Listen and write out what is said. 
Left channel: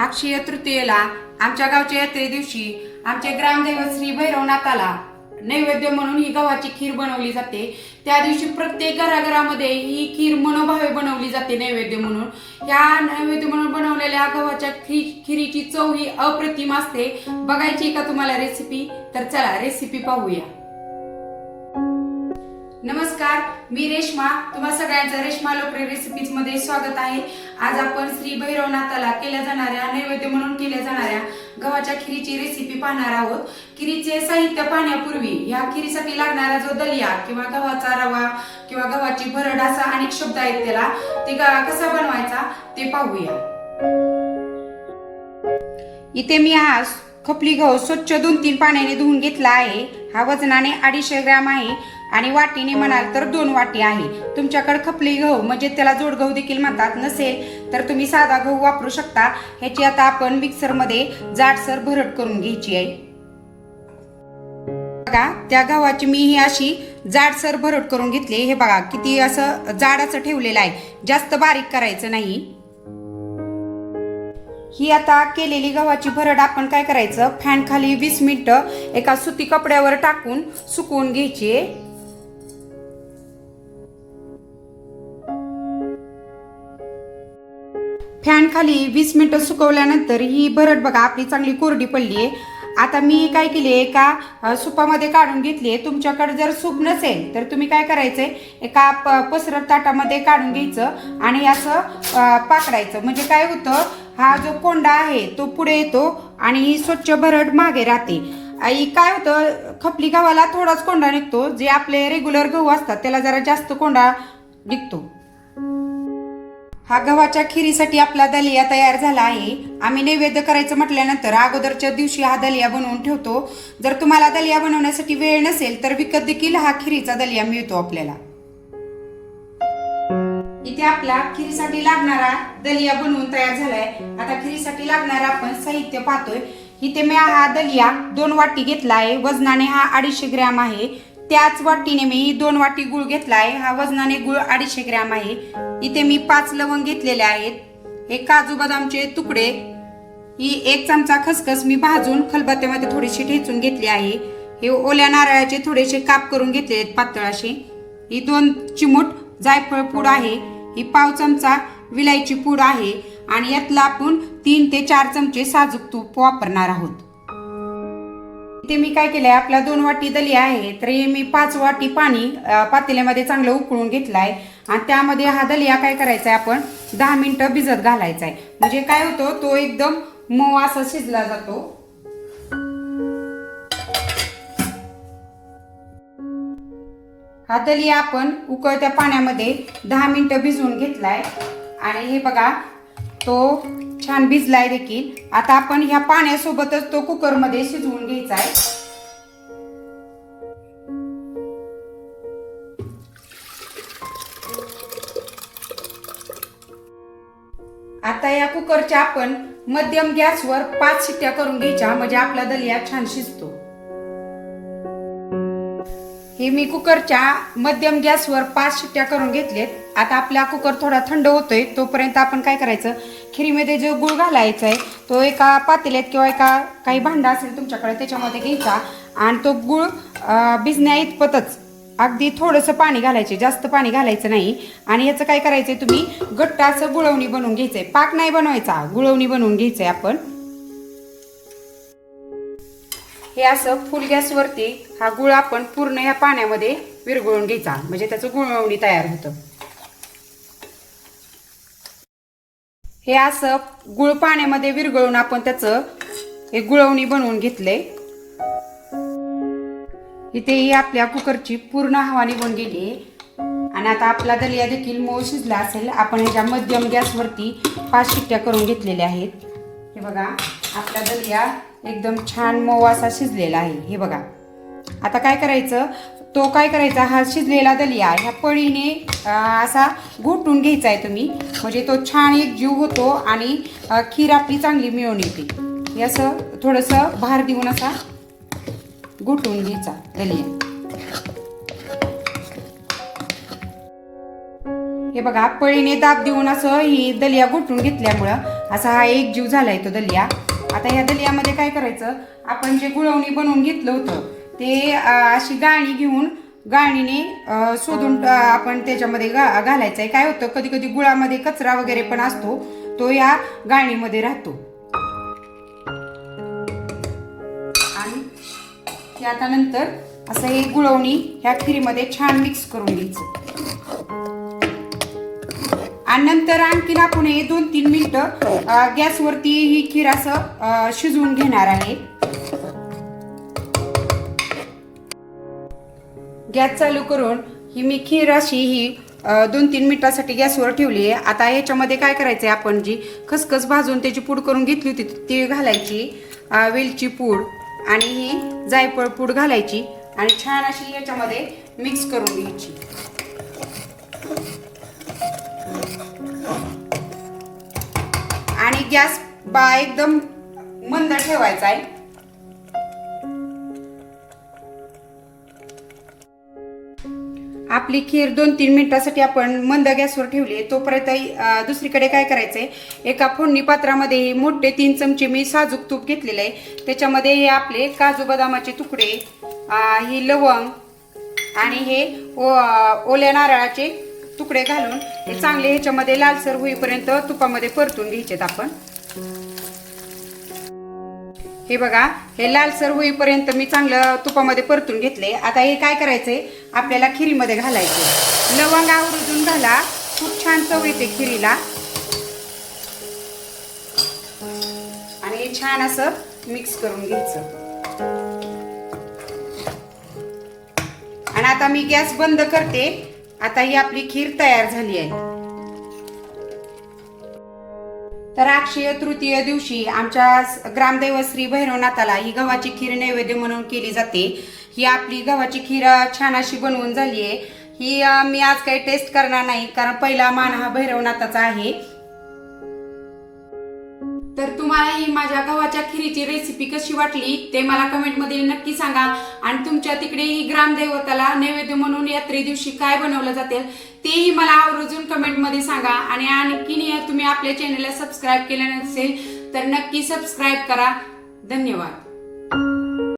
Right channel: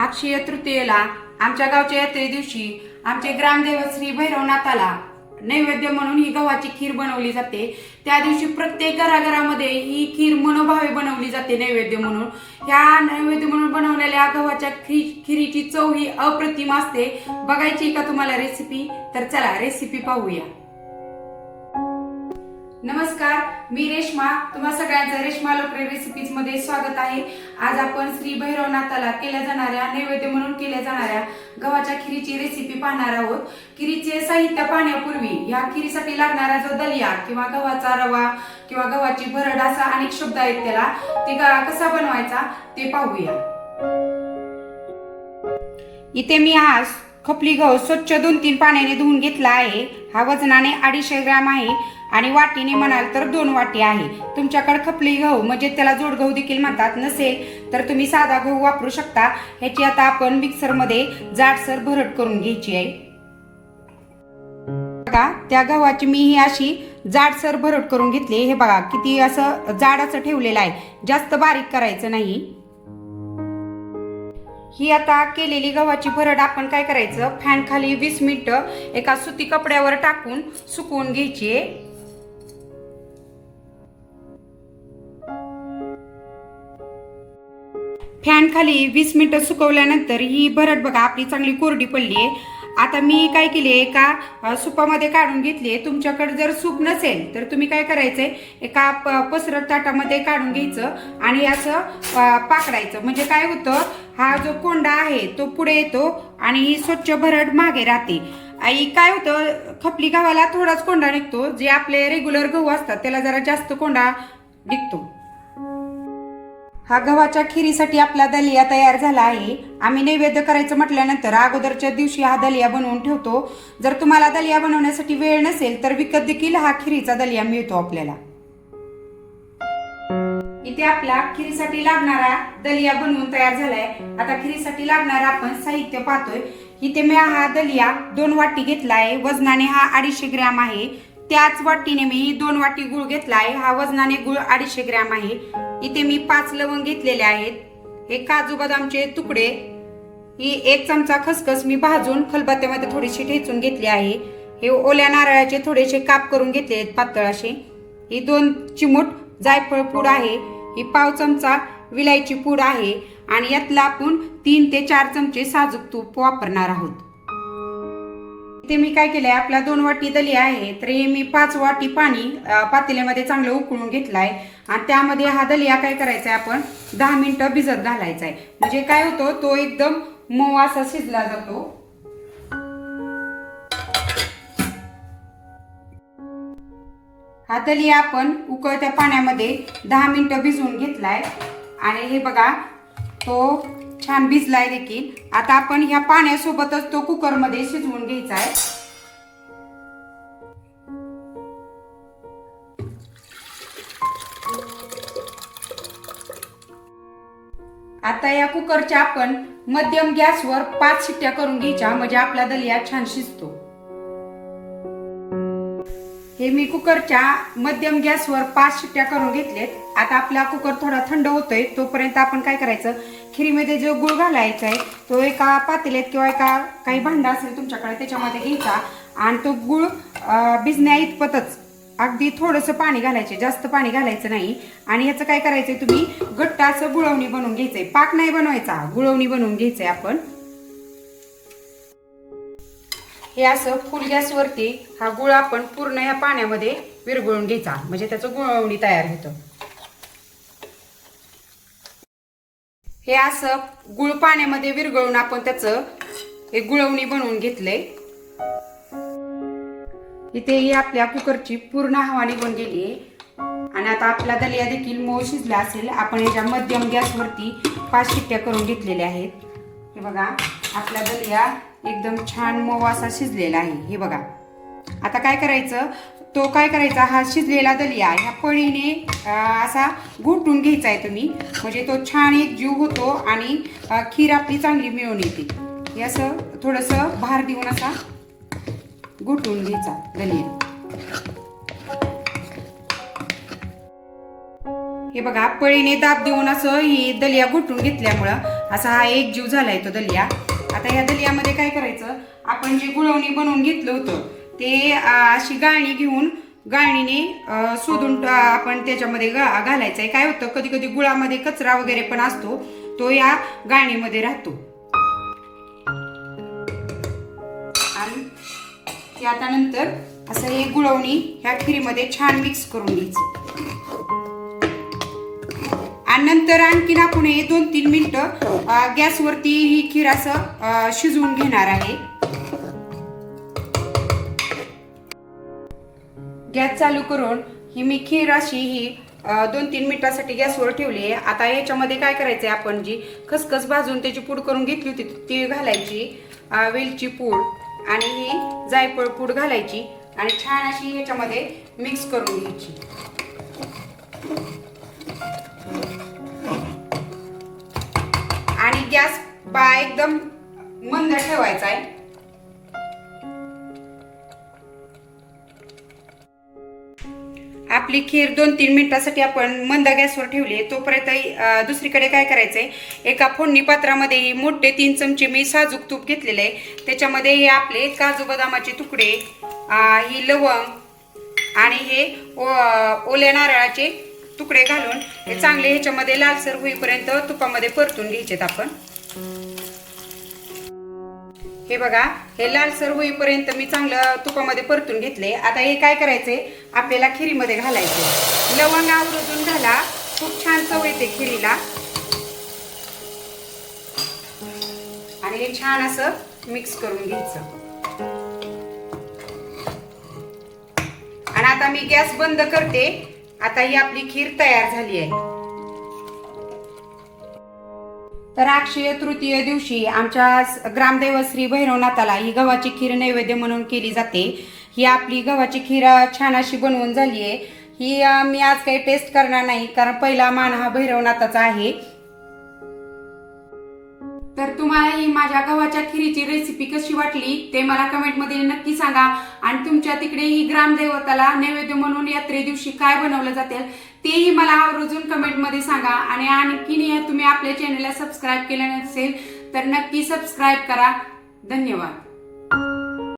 अक्षय तृतीयेला आमच्या गावच्या यात्रे दिवशी आमचे ग्रामदैवत श्री भैरवनाथाला नैवेद्य म्हणून ही गव्हाची खीर बनवली जाते। त्या दिवशी प्रत्येक घराघरामध्ये ही खीर मनोभावे बनवली जाते नैवेद्य म्हणून। ह्या नैवेद्य म्हणून बनवलेल्या गव्हाच्या खीरीची चव ही अप्रतिम असते। बघायची का तुम्हाला रेसिपी? तर चला रेसिपी पाहूया। नमस्कार, मी रेश्मा, तुम्हा सगळ्यांचं रेश्मा लोकरे रेसिपीज मध्ये स्वागत आहे। आज आपण श्री भैरवनाथाला केल्या जाणाऱ्या नैवेद्य म्हणून केल्या जाणाऱ्या गव्हाच्या खीरीची रेसिपी पाहणार आहोत। खीरीचे साहित्य पाहण्यापूर्वी या खीरीसाठी लागणारा जो दलिया किंवा गव्हाचा रवा किंवा गव्हाची भरड असा अनेक शब्द आहेत त्याला, ते कसा बनवायचा ते पाहूया। इथे मी आज खपली गहू स्वच्छ 2-3 पाण्याने धुवून घेतला आहे। हा वजनाने 250 ग्रॅम आहे आणि वाटीने म्हणाल तर 2 वाटी आहे। तुमच्याकडे खपली गहू म्हणजे त्याला जोड गहू देखील म्हणतात नसेल तर तुम्ही साधा गहू वापरू शकता। ह्याची आता आपण मिक्सर मध्ये जाडसर भरड करून घ्यायची आहे। बघा, त्या गव्हाची मी ही अशी जाडसर भरड करून घेतली। हे बघा किती असं जाड असं ठेवलेलं आहे, जास्त बारीक करायचं नाही। ही आता केलेली गव्हाची भरड आपण काय करायचं, फॅन खाली 20 मिनिटं एका सुती कपड्यावर टाकून सुकवून घ्यायची। फॅन खाली 20 मिनिटं सुकवल्यानंतर ही भरड बघा आपली चांगली कोरडी पडली आहे। आता मी काय केली, एका सुपामध्ये काढून घेतली। तुमच्याकडे जर सूप नसेल तर तुम्ही काय करायचंय, एका पसरट ताटामध्ये काढून घ्यायचं आणि असं पाकडायचं। म्हणजे काय होतं, हा जो कोंडा आहे तो पुढे येतो आणि ही स्वच्छ भरड मागे राहते। आई काय होतं, खपली गव्हाला थोडाच कोंडा निघतो, जे आपले रेग्युलर गहू असतात त्याला जरा जास्त कोंडा निघतो। हा गव्हाच्या खीरीसाठी आपला दलिया तयार झाला आहे। आम्ही नैवेद्य करायचं म्हटल्यानंतर अगोदरच्या दिवशी हा दलिया बनवून ठेवतो। जर तुम्हाला दलिया बनवण्यासाठी वेळ नसेल तर विकत देखील हा खीरीचा दलिया मिळतो आपल्याला। इथे आपला खीरीसाठी लागणारा दलिया बनवून तयार झालाय। आता खीरीसाठी लागणारा आपण साहित्य पाहतोय। इथे मी हा दलिया 2 वाटी घेतला आहे, वजनाने हा 250 ग्रॅम आहे। त्याच वाटीने मी 2 वाटी गुळ घेतला आहे, हा वजनाने गुळ 250 ग्रॅम आहे। इथे मी 5 लवंग घेतलेले आहेत, हे काजू बदामचे तुकडे, ही 1 चमचा खसखस मी भाजून खलबत्त्यामध्ये थोडीशी ठेचून घेतली आहे। हे ओल्या नारळाचे थोडेसे काप करून घेतले आहेत पातळ असे। ही 2 चिमूट जायफळ पूड आहे, ही पाव चमचा विलायची पूड आहे आणि यातला आपण 3 ते 4 चमचे साजूक तूप वापरणार आहोत। इथे मी काय केलंय, आपला 2 वाटी दलिया आहे तर हे मी 5 वाटी पाणी पातेल्यामध्ये चांगलं उकळून घेतलंय आणि त्यामध्ये हा दलिया काय करायचा आहे, आपण 10 मिनिटं भिजत घालायचा आहे। म्हणजे काय होतं, तो एकदम मऊ असा शिजला जातो। हा दलिया आपण उकळत्या पाण्यामध्ये 10 मिनिटं भिजवून घेतलाय आणि हे बघा तो छान भिजलाय देखील। आता आपण ह्या पाण्यासोबतच तो कुकर मध्ये शिजवून घ्यायचा आहे। आता या कुकरच्या आपण मध्यम गॅसवर 5 शिट्ट्या करून घ्यायच्या, म्हणजे आपला दलिया छान शिजतो। हे मी कुकरच्या मध्यम गॅसवर 5 शिट्ट्या करून घेतलेत। आता आपला कुकर थोडा थंड होतोय, तोपर्यंत आपण काय करायचं, खीरीमध्ये जो गुळ घालायचा आहे तो एका पातेल्यात किंवा एका काही भांडा असेल तुमच्याकडे त्याच्यामध्ये घ्यायचा आणि तो गुळ भिजण्या इतपतच अगदी थोडंसं पाणी घालायचे, जास्त पाणी घालायचं नाही। आणि याचं काय करायचंय, तुम्ही घट्ट असं गुळवणी बनवून घ्यायचंय, पाक नाही बनवायचा, गुळवणी बनवून घ्यायचंय आपण। हे असं फुल गॅसवरती हा गुळ आपण पूर्ण या पाण्यामध्ये विरघळून घ्यायचा, म्हणजे त्याचं गुळवणी तयार होतं। हे असं गुळ पाण्यामध्ये विरघळून आपण त्याचं हे गुळवणी बनवून घेतलंय। इथे ही आपल्या कुकरची पूर्ण हवा निघून गेली आणि आता आपला दलिया देखील मऊ शिजला असेल। आपण याच्या मध्यम गॅसवरती 5 शिट्ट्या करून घेतलेल्या आहेत। हे बघा आपला दलिया एकदम छान मऊ असा शिजलेला आहे। हे बघा आता काय करायचं, तो काय करायचा, हा शिजलेला दलिया ह्या पळीने असा घोटून घ्यायचा आहे तुम्ही, म्हणजे तो छान एक जीव होतो आणि खीर आपली चांगली मिळून येते। हे असं थोडंसं भार देऊन असा घोटून घ्यायचा दलिया। हे हे बघा पळीने दाब देऊन असं ही दलिया घोटून घेतल्यामुळं असा हा एक जीव झालाय तो दलिया. आता ह्या दलियामध्ये काय करायचं, आपण जे गुळवणी बनवून घेतलं होतं ते अशी गाणी घेऊन गाणीने शोधून आपण त्याच्यामध्ये घालायचंय. काय होतं कधी कधी गुळामध्ये कचरा वगैरे पण असतो, तो या गाणीमध्ये राहतो. आणि आता नंतर असं हे गुळवणी ह्या खिरीमध्ये छान मिक्स करून घ्यायचं. आणि नंतर आणखीन आपण हे 2-3 मिनिटं गॅसवरती ही खीर असं शिजवून घेणार आहे. गॅस चालू करून ही मी खीर अशी ही 2-3 मिनिटासाठी गॅसवर ठेवली आहे. आता ह्याच्यामध्ये काय करायचंय, आपण जी खसखस भाजून त्याची पूड करून घेतली होती ती घालायची, वेलची पूड आणि ही जायफळ पूड घालायची आणि छान अशी ह्याच्यामध्ये मिक्स करून घ्यायची. आणि गॅस एकदम मंद ठेवायचा आहे. आपली खीर 2-3 मिनिटासाठी आपण मंद गॅसवर ठेवली आहे. तोपर्यंत दुसरीकडे काय करायचंय, एका फोडणी पात्रामध्ये मोठे 3 चमचे मी साजूक तूप घेतलेले आहे. त्याच्यामध्ये हे आपले काजू बदामाचे तुकडे, ही लवंग आणि हे ओल्या नारळाचे तुकडे घालून हे चांगले ह्याच्यामध्ये लालसर होईपर्यंत तुपामध्ये परतून घ्यायचेत आपण. हे बघा हे लालसर होईपर्यंत मी चांगलं तुपामध्ये परतून घेतले. आता हे काय करायचंय, आपल्याला खिरीमध्ये घालायचे. लवंग आवर्जून घाला, खूप छान चव येते खिरीला. आणि हे छान असं मिक्स करून घ्यायचं. आणि आता मी गॅस बंद करते. आता ही आपली खीर तयार झाली आहे. तर अक्षय तृतीय दिवशी आमच्या ग्रामदैवत श्री भैरवनाथाला ही गव्हाची खीर नैवेद्य म्हणून केली जाते. ही आपली गव्हाची खीर छान अशी बनवून झाली आहे. ही मी आज काही टेस्ट करणार नाही, कारण पहिला मान हा भैरवनाथाचा आहे. तर तुम्हाला ही माझ्या गव्हाच्या खिरीची रेसिपी कशी वाटली ते मला कमेंटमध्ये नक्की सांगा. आणि तुमच्या तिकडे ही ग्रामदैवताला नैवेद्य म्हणून यात्रे दिवशी काय बनवलं जाते तेही मला आवर्जून कमेंटमध्ये सांगा. आणि आणखीन तुम्ही आपल्या चॅनलला सबस्क्राईब केलं नसेल तर नक्की सबस्क्राईब करा. धन्यवाद.